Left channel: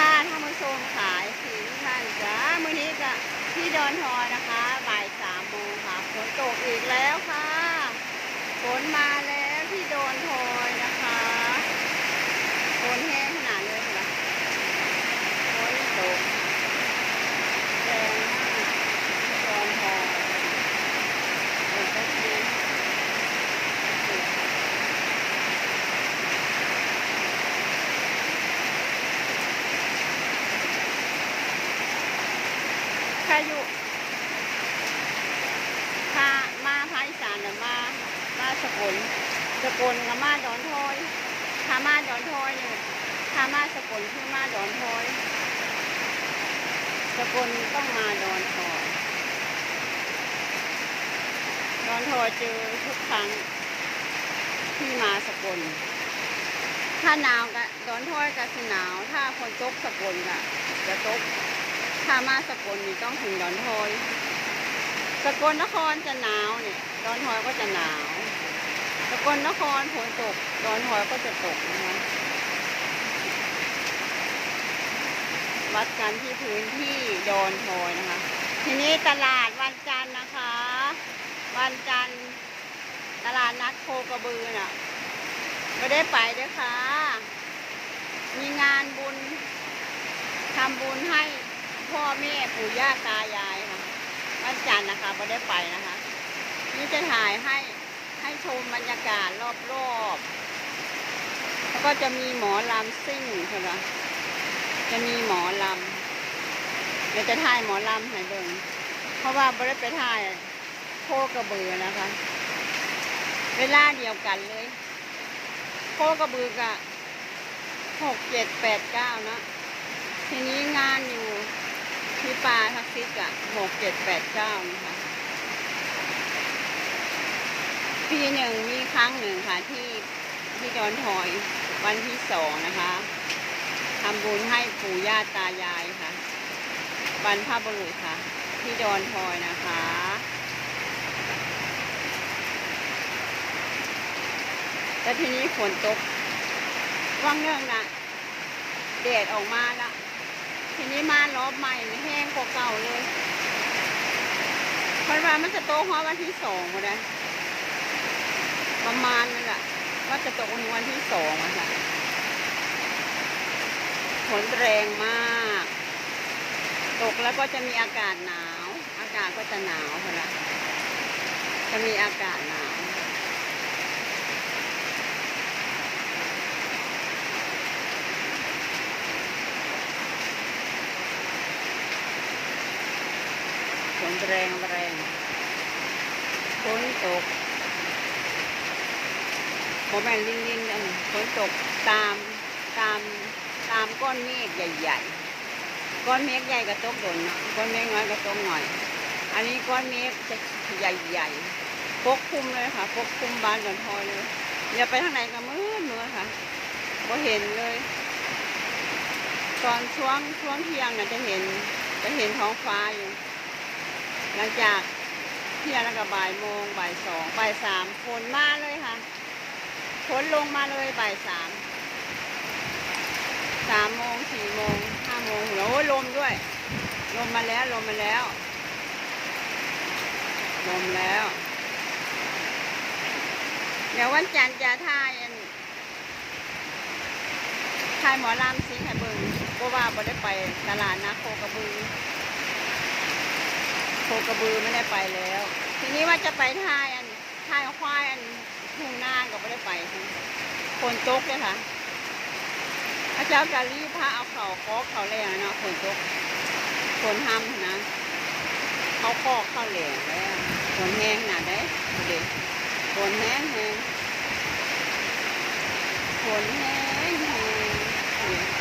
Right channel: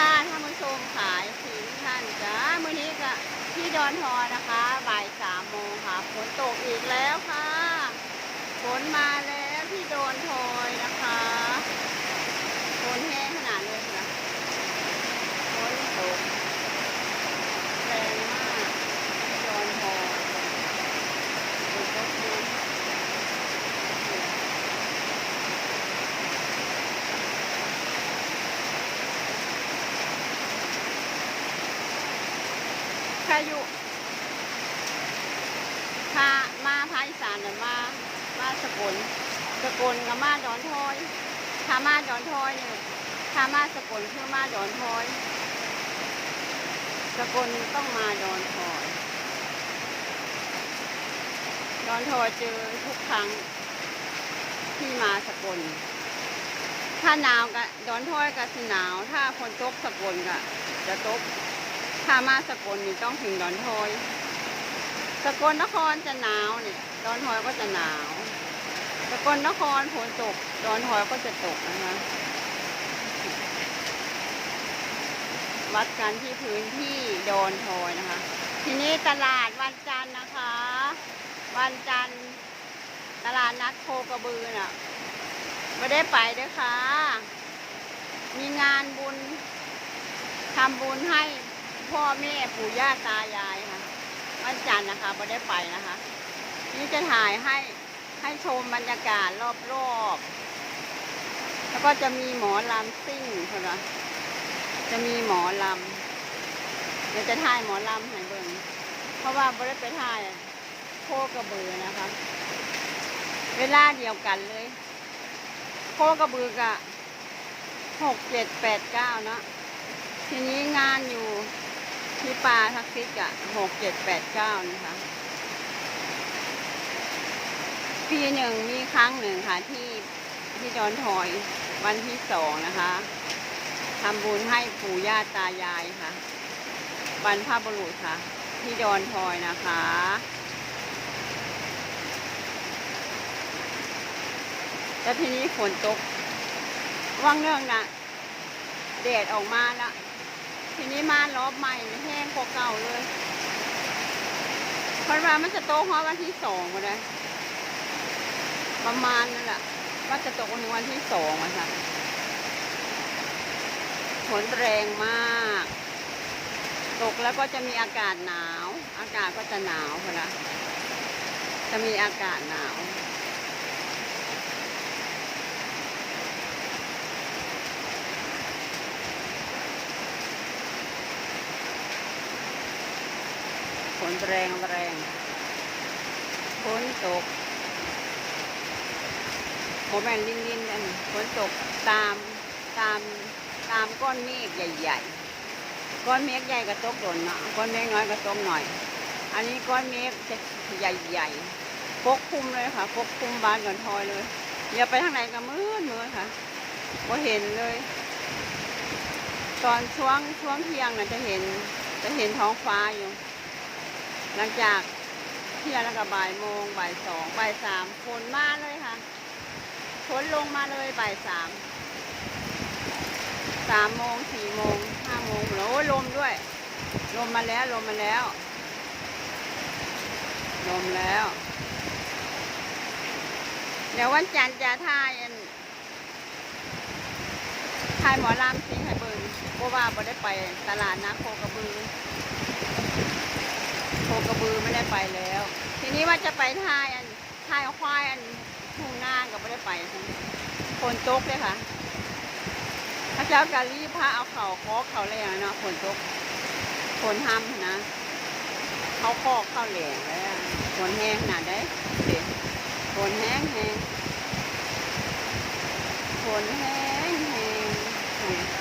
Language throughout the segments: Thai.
ค่ะท่านผู้ชมขายถึงท่านจ้ามื้อนี้ก็ที่ดอนทอนะคะบ่ายสามโมงค่ะฝนตกอีกแล้วค่ะฝนมาแล้วที่ดอนทอยนะคะฝนแห้งขนาดเลยเหรอฝนตกแรงมากที่ดอนทอยฝนตกแห้ง ใครอ ยู่พามาภาคอีสานหรือมา มาสกล สกลกับมาดอนทอยถ้ามาดอนทอยเนี่ยถ้ามาสกลคือมาดอนทอย สกลต้องมาดอนทอย ดอนทอยเจอทุกครั้งที่มาสกล ถ้าหนาวก็ดอนทอยก็สิหนาว ถ้าฝนตกสกลก็จะตก ถ้ามาสกลนี่ต้องถึงดอนทอย สกลนครจะหนาวเนี่ย ดอนทอยก็จะหนาว สกลนครฝนตก ดอนทอยก็จะตกนะคะวัดกันที่พื้นที่ดอนทอยนะคะ ทีนี้ตลาดวันจันทร์นะคะ วันจันทร์ตลาดนัดโคกระบือน่ะไม่ได้ไปเด้วยค่ะ มีงานบุญทำบุญให้ พ่อแม่ปู่ย่าตายายค่ะ วันจันทร์นะคะไม่ได้ไปนะคะ นี่จะถ่ายให้ให้ชมบรรยากาศรอบๆ แล้วก็จะมีหมอลำซิ่งค่ะ จะมีหมอลำเดี๋ยวจะถ่ายหมอลำให้เบิ่งเพราะว่าไม่ได้ไปถ่ายโคกระบือนะคะ เวลาเดียวกันเลย โคกระบือกะหกเจ็ดแปดเก้านะทีนี้งานอยู่ ที่ปลาทักซิกอะหกเจ็ดแปดเก้านี่ค่ะปีหนึ่งมีครั้งหนึ่งค่ะ ที่ที่ดอนทอยวันที่สองนะคะทำบุญให้ปู่ย่าตายายค่ะบรรพบุรุษค่ะ ที่ดอนทอยนะคะ แล้วทีนี้ฝนตกว่างเรื่องนะแดดออกมาละ ทีนี้มารอบใหม่แห้งกว่าเก่าเลยเพราะว่ามันจะโตเพราะวันที่สองก็ได้ประมาณนั่นแหละว่าจะตกในวันที่สองอะค่ะฝนแรงมาก ตกแล้วก็จะมีอากาศหนาว อากาศก็จะหนาวค่ะจะมีอากาศหนาว ฝนแรงแรงฝนตกโมแมนลินลินอันฝนตกตามตามตามก้อนเมฆใหญ่ ๆ ก้อนเมฆใหญ่ก็ตกโดนเนาะก้อนเมฆน้อยก็ตกหน่อย อันนี้ก้อนเมฆจะใหญ่ๆปกคลุมเลยค่ะปกคลุมบ้านดอนทอยเลยอย่าไปทางไหนก็มืดมืดค่ะก็เห็นเลย ตอนช่วงช่วงเที่ยงน่ะจะเห็นจะเห็นท้องฟ้าอยู่ หลังจากเที่ยงแล้วก็บ่ายโมงบ่ายสองบ่ายสามฝนมาเลยค่ะฝนลงมาเลยบ่ายสามสามโมงสี่โมงห้าโมงแล้วโอ้ลมด้วย ลมมาแล้วลมมาแล้ว ลมแล้ว เดี๋ยววันจันทร์จะท่ายท่ายหมอลำสิงให้เบิงเพราะว่าบ่ได้ไปตลาดนะโคกระบือ คกระบือไม่ได้ไปแล้ว ทีนี้ว่าจะไปท่ายอันท่ายควายอันทุ่งนาก็ไม่ได้ไปฝนตกเลยค่ะพระเจ้ากาลีพระเอาเข่าคอกเขาแรงเนาะฝนตกฝนห้ำนะเขาคอกเข้าแรงแล้วฝนแห้งขนาได้ดูดิฝนแห้งแห้งฝนแห้งแห้ง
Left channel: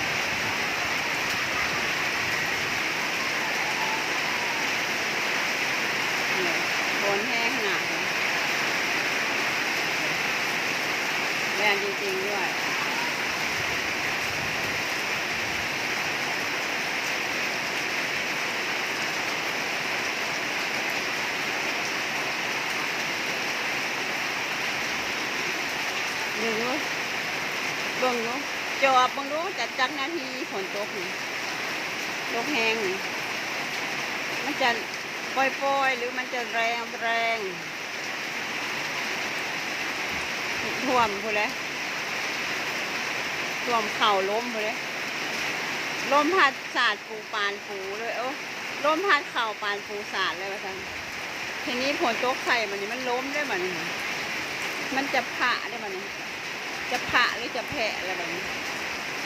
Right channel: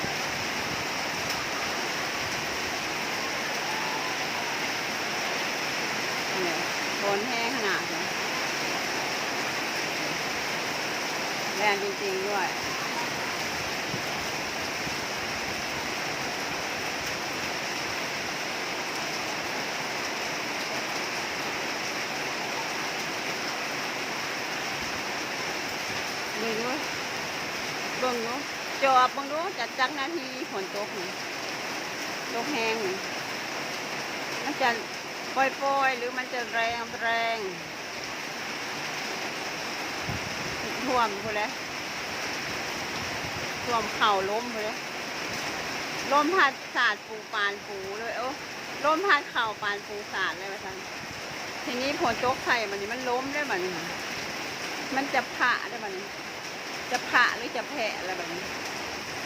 นี่เนี่ยฝนแห้งขนาดเลยแรงจริง ๆ ด้วยดูดูเบิ่งดูจอบมึงดูจัดจักนาทีฝนตกนี่ตกแห้งนี่มันจะ ปล่อยๆหรือมันจะแรงแรงท่วมพูดเลยท่วมเข่าล้มพูดเลยลมพัดสาดปูปานปูเลยโอ้ลมพัดเข่าปานปูสาดเลยว่าท่านทีนี้ฝนตกใส่มันนี่มันล้มได้มันนี่มันจะผะได้มันนี่จะผะหรือจะแผะอะไรแบบนี้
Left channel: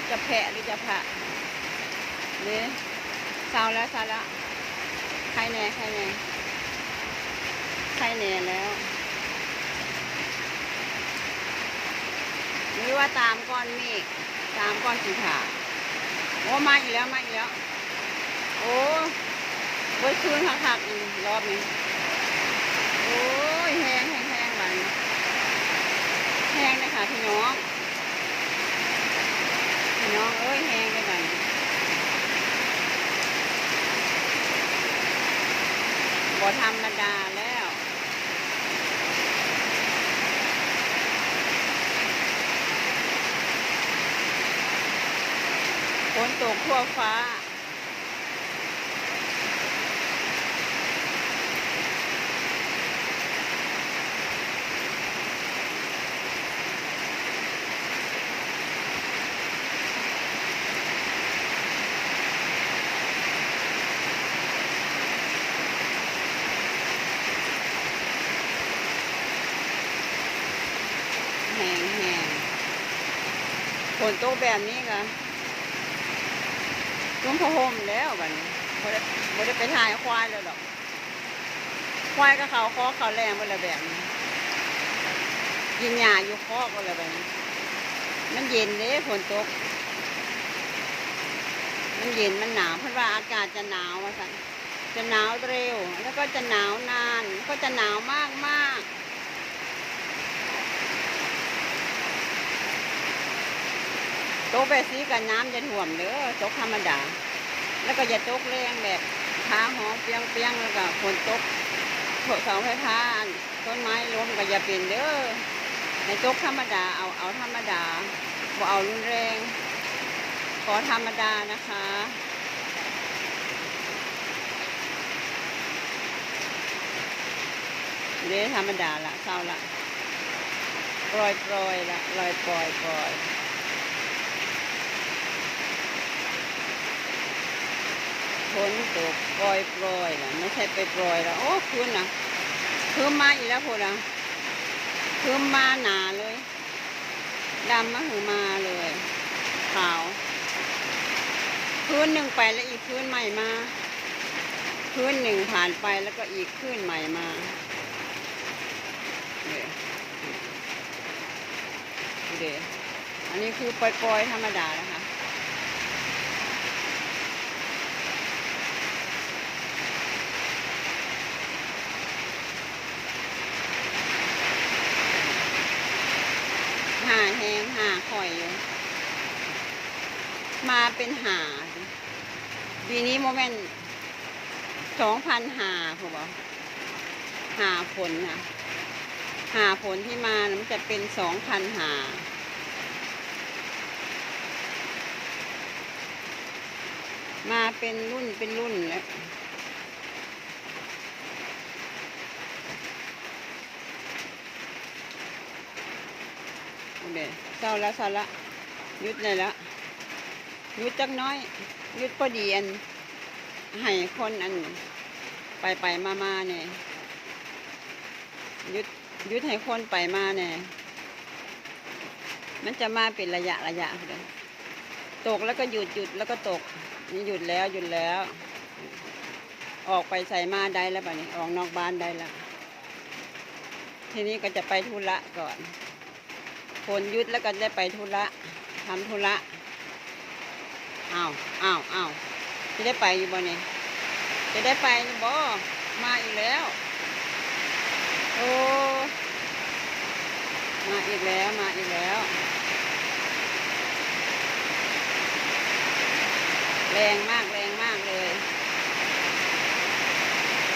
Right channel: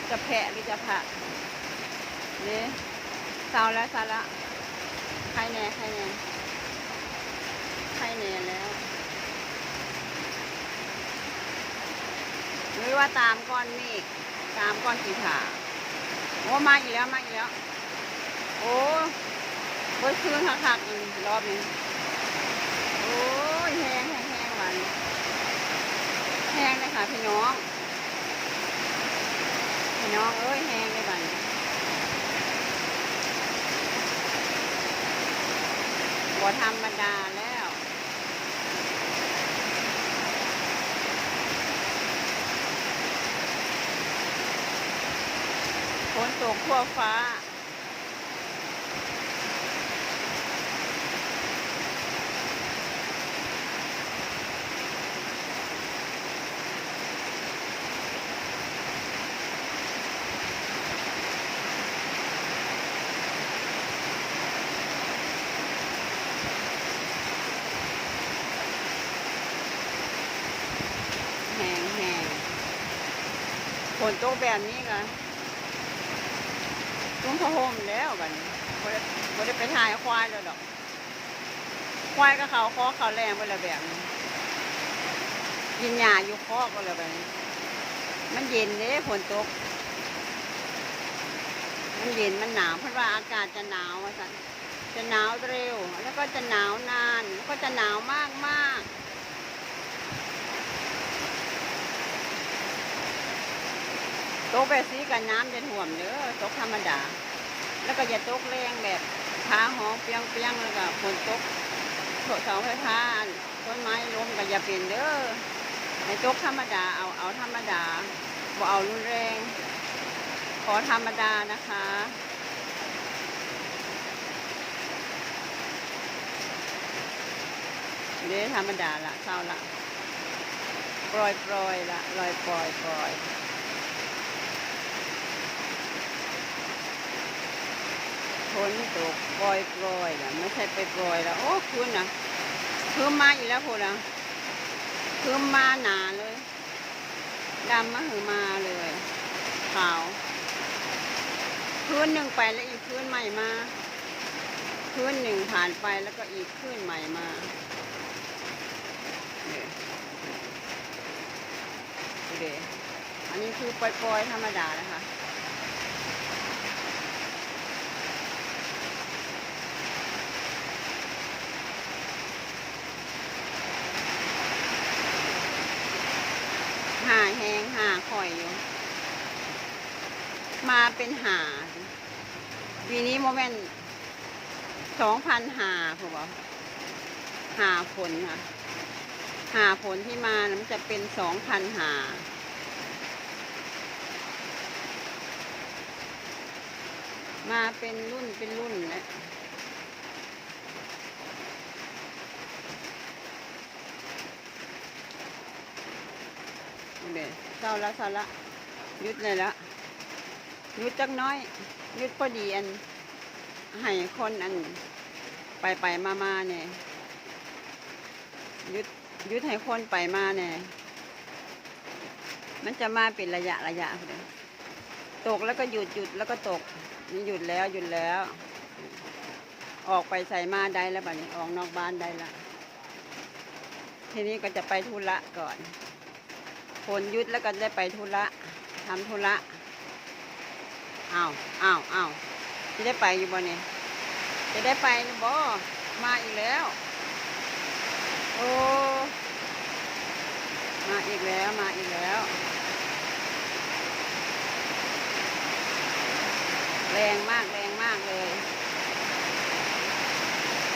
จะแผะหรือจะผะนี่เศร้าแล้วเศร้าแล้ว ใครแน่ใครแน่ใครแน่แล้วหรือว่าตามก้อนเมฆตามก้อนสีขาวโอ้มาอีกแล้วมาอีกแล้ว โอ้เบิดคืนคักๆอีกรอบนี้โอ้ยแห้งแห้งแห้งวานแห้งเลยค่ะพี่น้องพี่น้องเอ้ยแห้งเลยบัน บ่ธรรมดาแล้วฝนตกทั่วฟ้า แห้งแห้งฝ นตกแบบนี้ก็ตุ้มพะห่มแล้วบัดนี้บ่ได้บ่ได้ไปถ่ายควายแล้วดอก ควายก็เขาคอเขาแรงไปละแบบนี้กินหญ้าอยู่คอก็เลยแบบนี้ มันเย็นเด้ฝนตก มันเย็นมันหนาวเพราะว่าอากาศจะหนาวว่าสันจะหนาวเร็ว แล้วก็จะหนาวนาน แล้วก็จะหนาวมากมาก ตกแบบสีกับน้ำจะท่วมเด้อตกธรรมดา แล้วก็อย่าตกแรงแบบขาหองเปียงเปียงๆแล้วก็ฝนตกโถเสาไฟฟ้าต้นไม้ล้มก็อย่าเป็นเด้อให้ตกธรรมดาเอาเอาธรรมดาบ่เอารุนแรง ขอธรรมดานะคะเด้ธรรมดาละเศร้าละปล่อยปล่อยละลอยปล่อยปล่อย ฝนตกปล่อยปล่อยนะไม่ใช่ไปปล่อยแล้วโอ้คืนนะคืนมาอีกแล้วพูดนะคืนมาหนาเลยดำมาหือมาเลยขาวคืนหนึ่งไปแล้วอีกคืนใหม่มาคืนหนึ่งผ่านไปแล้วก็อีกคืนใหม่มาเนี่ยดูเดอันนี้คือปล่อยๆธรรมดานะคะ หาแหงหาข่อยอยู่ มาเป็นหาปีนี้โมเมนต์สองพันหาผมบอกหาผลค่ะหาผลที่มานะมันจะเป็นสองพันหามาเป็นรุ่นเป็นรุ่นแล้วเดี๋ยวเศร้าละเศร้าละยุดเลยละ ยุดจักน้อยยุดพอดีอันให้คนอันไปไปมามาเนี่ยยุดยุดให้คนไปมาเนี่ยมันจะมาเป็นระยะระยะเดี๋ยตกแล้วก็หยุดหยุดแล้วก็ตกนี่หยุดแล้วหยุดแล้ว ออกไปใส่มาได้แล้วป่ะนี้ออกนอกบ้านได้ละทีนี้ก็จะไปธุระก่อนฝนยุดแล้วก็ได้ไปธุระทำธุระ อ้าวอ้าวอ้าวจะได้ไปอยู่บ่เนี่ยจะได้ไปหรือบ่มาอีกแล้ว โอ้มาอีกแล้วมาอีกแล้วแรงมากแรงมากเลย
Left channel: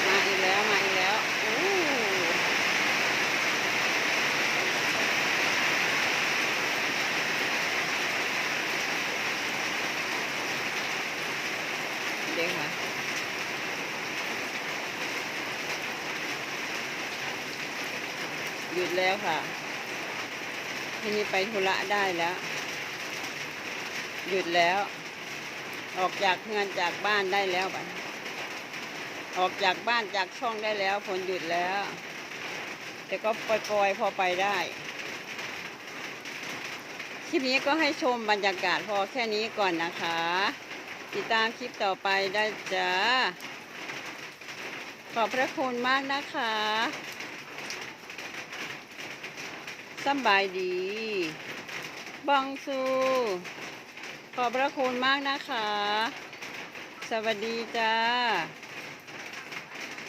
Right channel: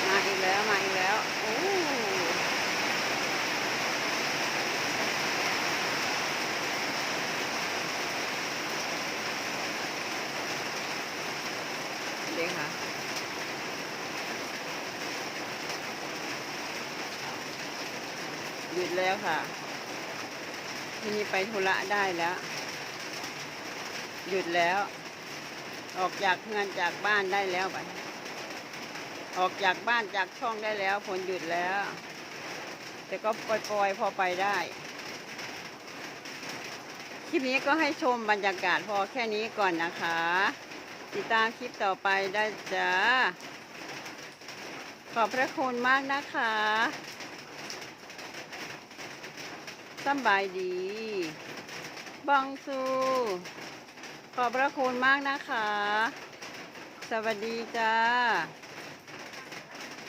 มาอีกแล้วมาอีกแล้วโอ้ เด้ค่ะ หยุด แล้วค่ะทีนี้ไปธุระได้แล้ว หยุดแล้ว ออกจากเงินจากบ้านได้แล้วบัดออกจากบ้านจากช่องได้แล้วผลหยุดแล้ว แต่ก็ปล่อยๆพอไปได้คลิปนี้ก็ให้ชมบรรยากาศพอแค่นี้ก่อนนะคะ ติดตามคลิปต่อไปได้จ้า ขอบพระคุณมากนะคะ สบายดี บองซู ขอบพระคุณมากนะคะ สวัสดีจ้า